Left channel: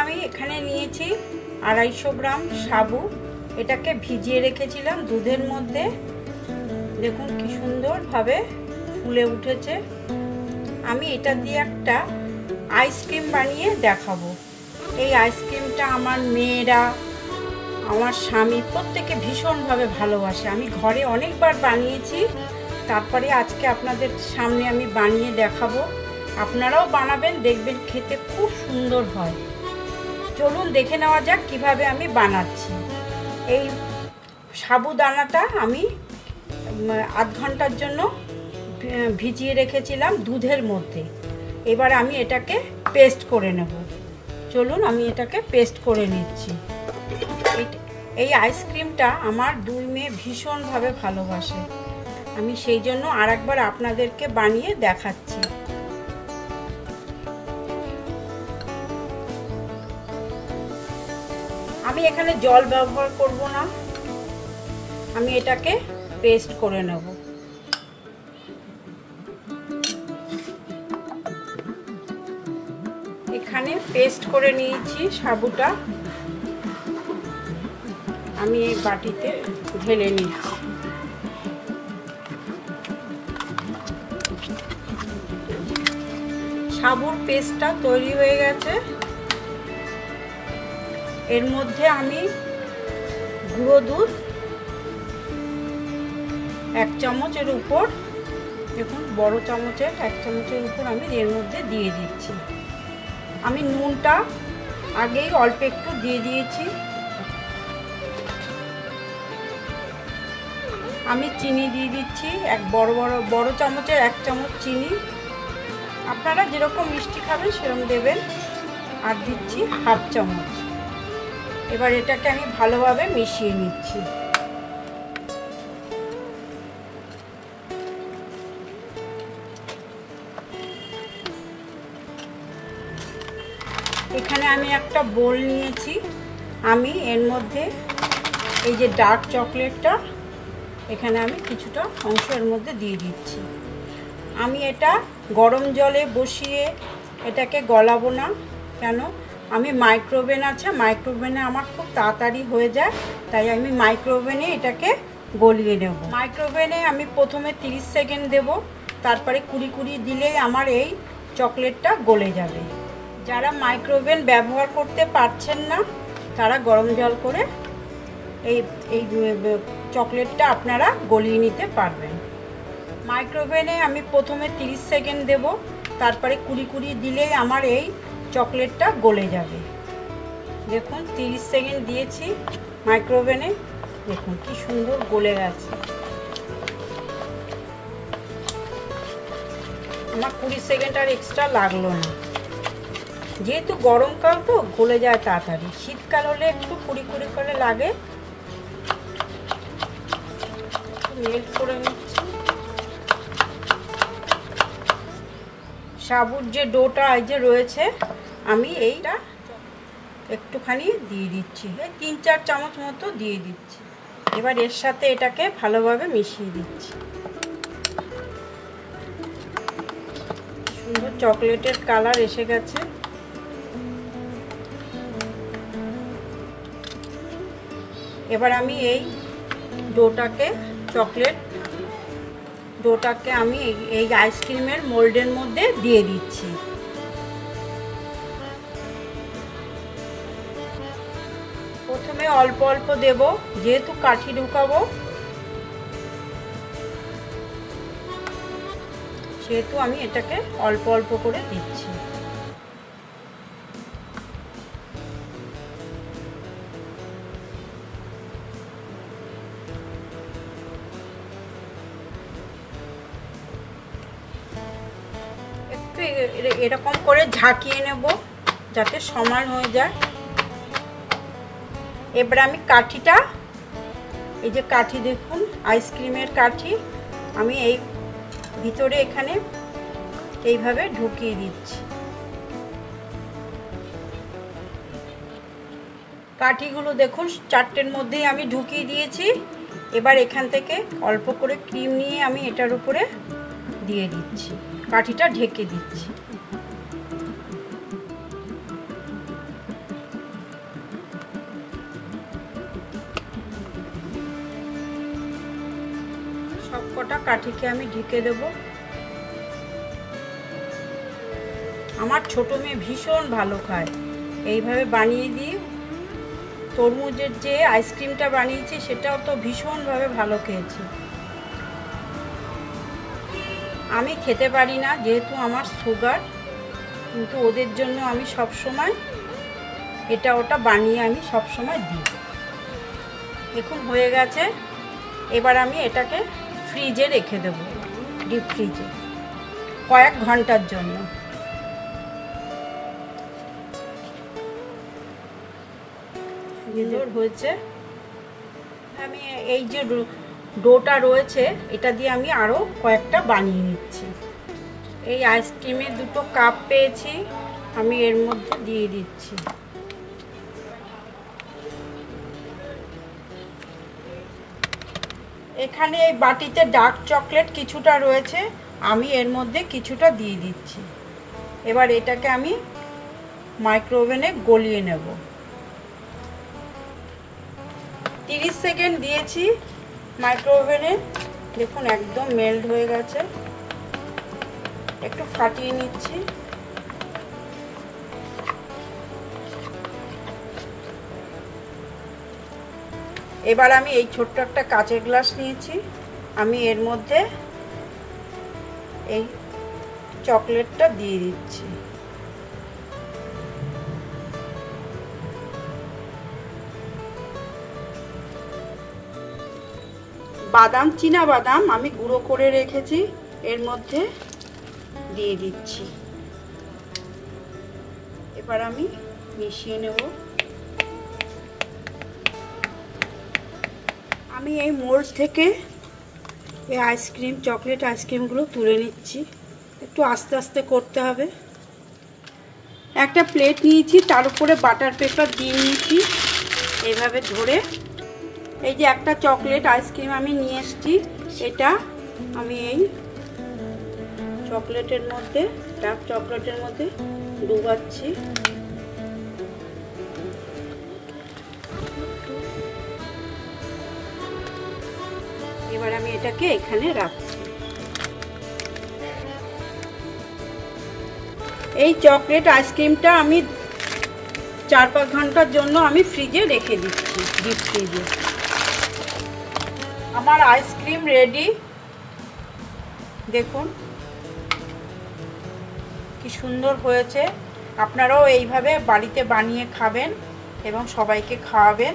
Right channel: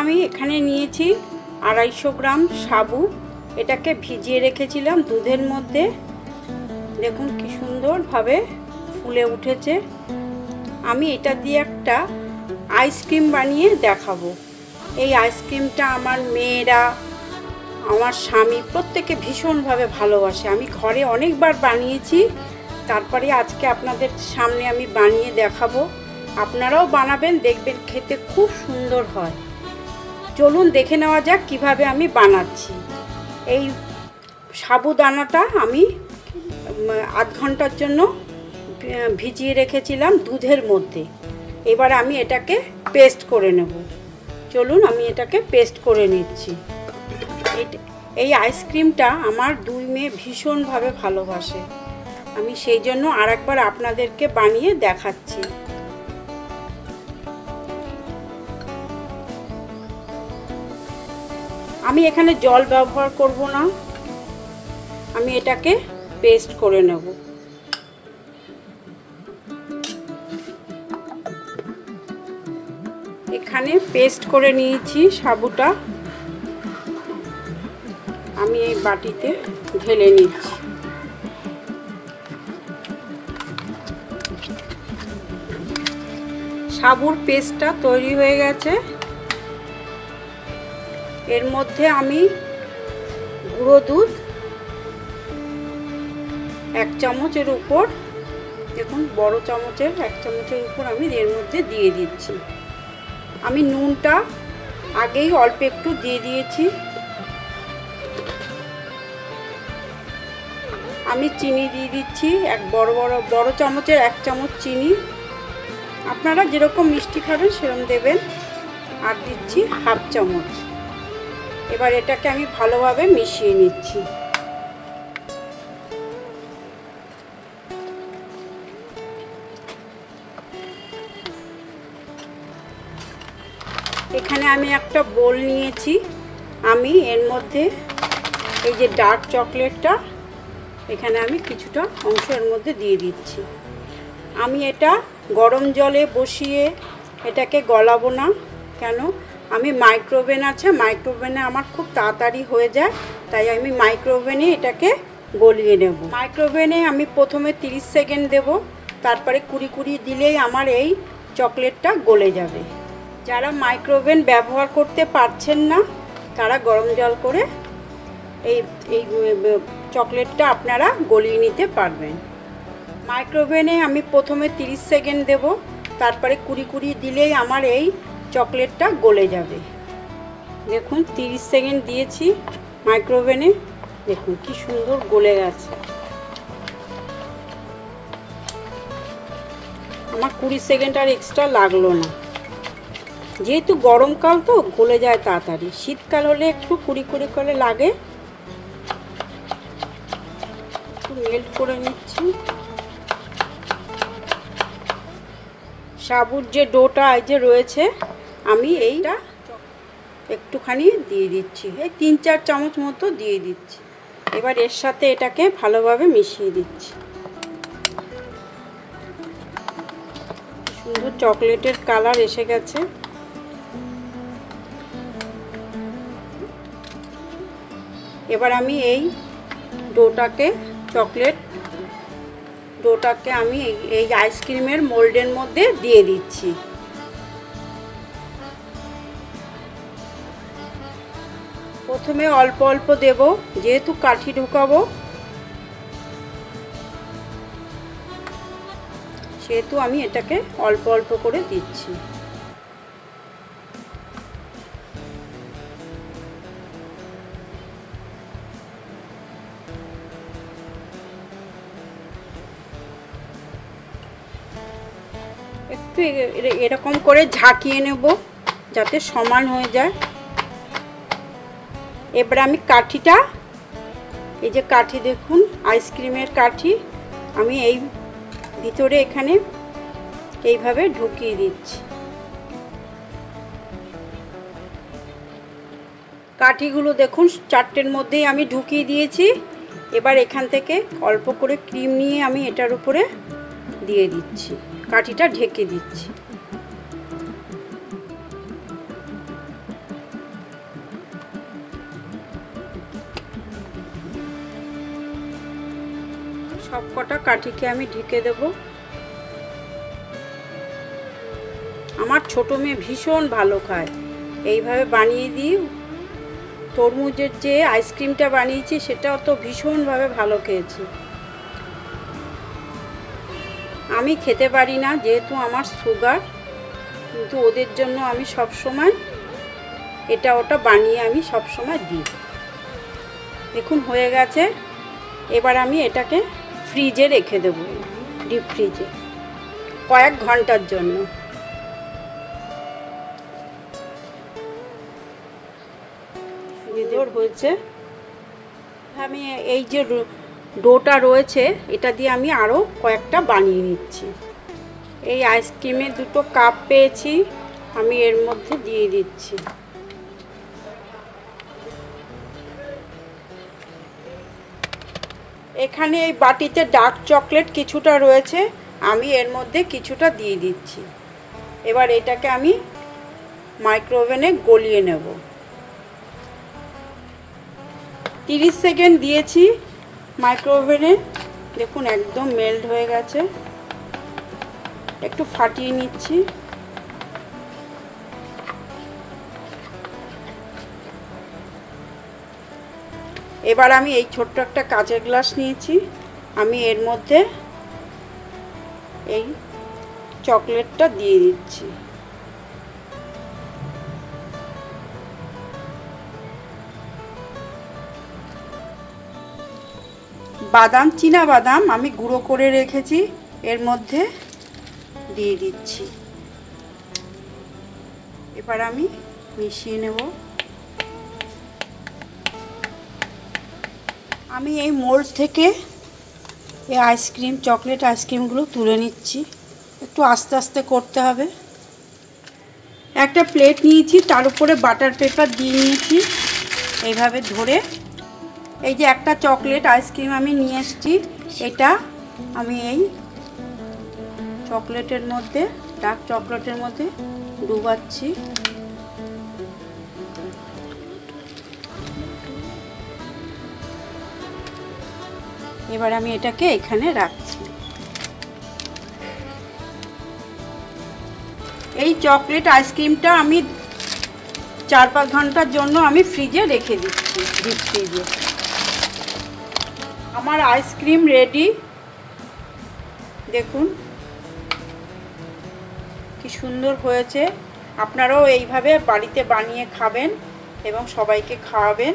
আমি এখানে নিয়েছি 250 গ্রাম সাবু। এটাকে ভিজিয়ে রেখেছিলাম দুধের মধ্যে। দেখুন কি সুন্দরভাবে ফুলে উঠেছে। আমি এটা দিয়ে একটা আইসক্রিম বানিয়ে দেখাবো। এই আইসক্রিমটা আমার মেয়েরা, আমার স্বামী প্রত্যেকে ভীষণভাবে ভালোবাসে। আমি ঘরে অনেকবার বানিয়েছি, তারপরে আজকে আপনাদের সামনে আমি বানিয়ে দেখাবো। আপনারাও বানাবেন, দেখবেন খেতে খুব সুন্দর হয়। চলুন দেখে নেওয়া যাক কিভাবে আমি বানাচ্ছি। এই সাবুদানাটা আমি আধ ঘন্টার জন্য ভিজিয়ে রেখেছিলাম দুধের মধ্যে। এবার আমি এটাকে পেস্ট করে নেব। চলুন আমি এটাকে পেস্ট করে নিচ্ছি। এই আইসক্রিমটা আমার দুই মেয়ে ভীষণভাবে ভালোবাসে। আমি সেই জন্য আরেকবার আপনাদেরকে বানিয়ে দেখাচ্ছি। আমি এখানে জল ব্যবহার করব না, আমি এটাকে পেস্ট করে নেব। এখানে পেস্ট করে নিয়েছি সাবুটা, আমি এই বাটিতে ঢেলে নিচ্ছি। সাবুর পেস্টটা তৈরি হয়ে গেছে। এর মধ্যে আমি গুঁড়ো দুধ 1 চামচের উপর, দেখুন বড় চামচের 1 চামচের উপর আমি এর মধ্যে দিয়ে দিচ্ছি। আমি নুনটা আগেই অল্প একটু দিয়ে দিয়েছি। আমি চিনি দিয়ে দিচ্ছি বড় চামচের 1 চামচ চিনি। আপনারা যেরকম মিষ্টি খাবেন সেরকম দেবেন। আর দিচ্ছি 1/2 চামচ। এবার এটাকে আমি ভালোভাবে মিশিয়ে নিচ্ছি। এখানে আমি একটা বোল নিয়েছি। আমি এর মধ্যে এই যে ডার্ক চকলেটটা এখানে আমি কিছুটা অংশ এর মধ্যে দিয়ে দিচ্ছি। আমি এটা গরম জলে বসিয়ে এটাকে গলাবো না, কেন আমি মাইক্রোওভেন আছে, মাইক্রোওভেনে আমার খুব তাড়াতাড়ি হয়ে যায়, তাই আমি মাইক্রোওভেনে এটাকে গলিয়ে নেব। মাইক্রোওভেনে আমি প্রথমে 30 সেকেন্ড দেব, তারপরে 20 দিলেই আমার এই চকলেটটা গলে যাবে। যারা মাইক্রোওভেন ব্যবহার করতে পারছেন না তারা গরম জল করে এই চকলেটটা আপনারা গলিয়ে নিতে পারবেন। মাইক্রোওভেনে আমি প্রথমে 30 সেকেন্ড দেব, তারপরে 20 দিলেই আমার এই চকলেটটা গলে যাবে। দেখুন 30 সেকেন্ড দিয়েছি মাইক্রোওভেনে, দেখুন কি সুন্দর গলে গেছে। আমার 20 সেকেন্ড আর এক্সট্রা লাগলো না, যেহেতু গরমকাল তো গলে যায় তাড়াতাড়ি। শীতকাল হলে একটু কুড়ি করে লাগে। মেল্ট করে নিচ্ছি। সাবুর যে ডোটা এই যে রয়েছে, আমি এইটা একটুখানি দিয়ে দিচ্ছি, এই 3-4 চামচ মতো দিয়ে দিচ্ছি। এবার এর সাথে এটাকে ভালোভাবে মিশিয়ে দিচ্ছি। সুন্দর চকলেটের কালার এসে গেছে। এবার আমি এই ডোটাকে আমি এই আইসক্রিমের মোল্ডের মধ্যে দিয়ে দিচ্ছি। প্রথমে অল্প অল্প দেব, যেহেতু কাঠি ঢুকাবো সেহেতু আমি এটাকে অল্প অল্প করে দিচ্ছি। একটু এরকম করে ঝাঁকিয়ে নেব যাতে সমান হয়ে যায়। এবার আমি কাঠিটা, এই যে কাঠি দেখুন আইসক্রিমের কাঠি, আমি এই ভিতরে এখানে এইভাবে ঢুকিয়ে দিচ্ছি। কাঠিগুলো দেখুন 4টের মধ্যেই আমি ঢুকিয়ে দিয়েছি। এবার এখান থেকে অল্প করে ক্রিম নিয়ে আমি এটার উপরে দিয়ে দিচ্ছি, কাঠিটা ঢেকে দিচ্ছি। কাঠিকে আমি ঢেকে দেব। আমার ছোট মেয়ে ভীষণ ভালো খায়, এইভাবে বানিয়ে দিই। তরমুজের যে আইসক্রিমটা বানিয়েছি সেটাও তো ভীষণভাবে ভালো খেয়েছি। আমি খেতে পারি না যেহেতু আমার সুগার, কিন্তু ওদের জন্য আমি সব সময় এটা ওটা বানিয়ে আমি সব সময় দিই। এখন হয়ে গেছে, এবার আমি এটাকে ফ্রিজে রেখে দেবো, ডিপ ফ্রিজে কয়েক ঘন্টার জন্য। সুন্দর হয়েছে। আমি এই যে ডোটা রয়েছে এটা দিয়ে আমি আরও কয়েকটা বানিয়ে নিচ্ছি। এই আইসক্রিমের দুটো কাপ পেয়েছি, আমি এর মধ্যে দিয়ে দিচ্ছি। এখানে এই বাটিতে ডার্ক চকলেট কিছুটা রয়েছে, আমি এর মধ্যে কিছুটা দিয়ে দিচ্ছি। এবার এটাকে আমি মাইক্রোওভেনে গলিয়ে নেব। 30 সেকেন্ড দিয়েছি মাইক্রোওভেনে, দেখুন একদম মেল্ট হয়ে গেছে। একটু ফাটিয়ে নিচ্ছি। এবার আমি এই ছোট্ট একটা কাঁচের গ্লাস নিয়েছি, আমি এর মধ্যে এই চকলেটটা দিয়ে দিচ্ছি। বাদাম, চীনা বাদাম আমি গুঁড়ো করে রেখেছি, এর মধ্যে দিয়ে দিচ্ছি। এবার আমি মিশিয়ে নেব। আমি এই মোল্ড থেকে এই আইসক্রিম, চকলেট আইসক্রিমগুলো তুলে নিচ্ছি। একটু আস্তে আস্তে করতে হবে। একটা প্লেট নিয়েছি, তার উপরে বাটার পেপার দিয়ে নিয়েছি। এইভাবে ধরে এই যে একটা চকলেট আইসক্রিম আমি নিয়ে এসেছি, এটা আমি এই চকলেটের মধ্যে, ডার্ক চকলেটের মধ্যে ডুবাচ্ছি। এবার আমি এটাকে এখানে রাখছি। এই চকলেট আইসক্রিমটা আমি 4-5 ঘন্টার জন্য আমি ফ্রিজে রেখে দিচ্ছি, ডিপ ফ্রিজে। আমার আইসক্রিম রেডি, দেখুন কি সুন্দর হয়েছে। আপনারাও এইভাবে বাড়িতে বানিয়ে খাবেন এবং সবাইকে খাওয়াবেন।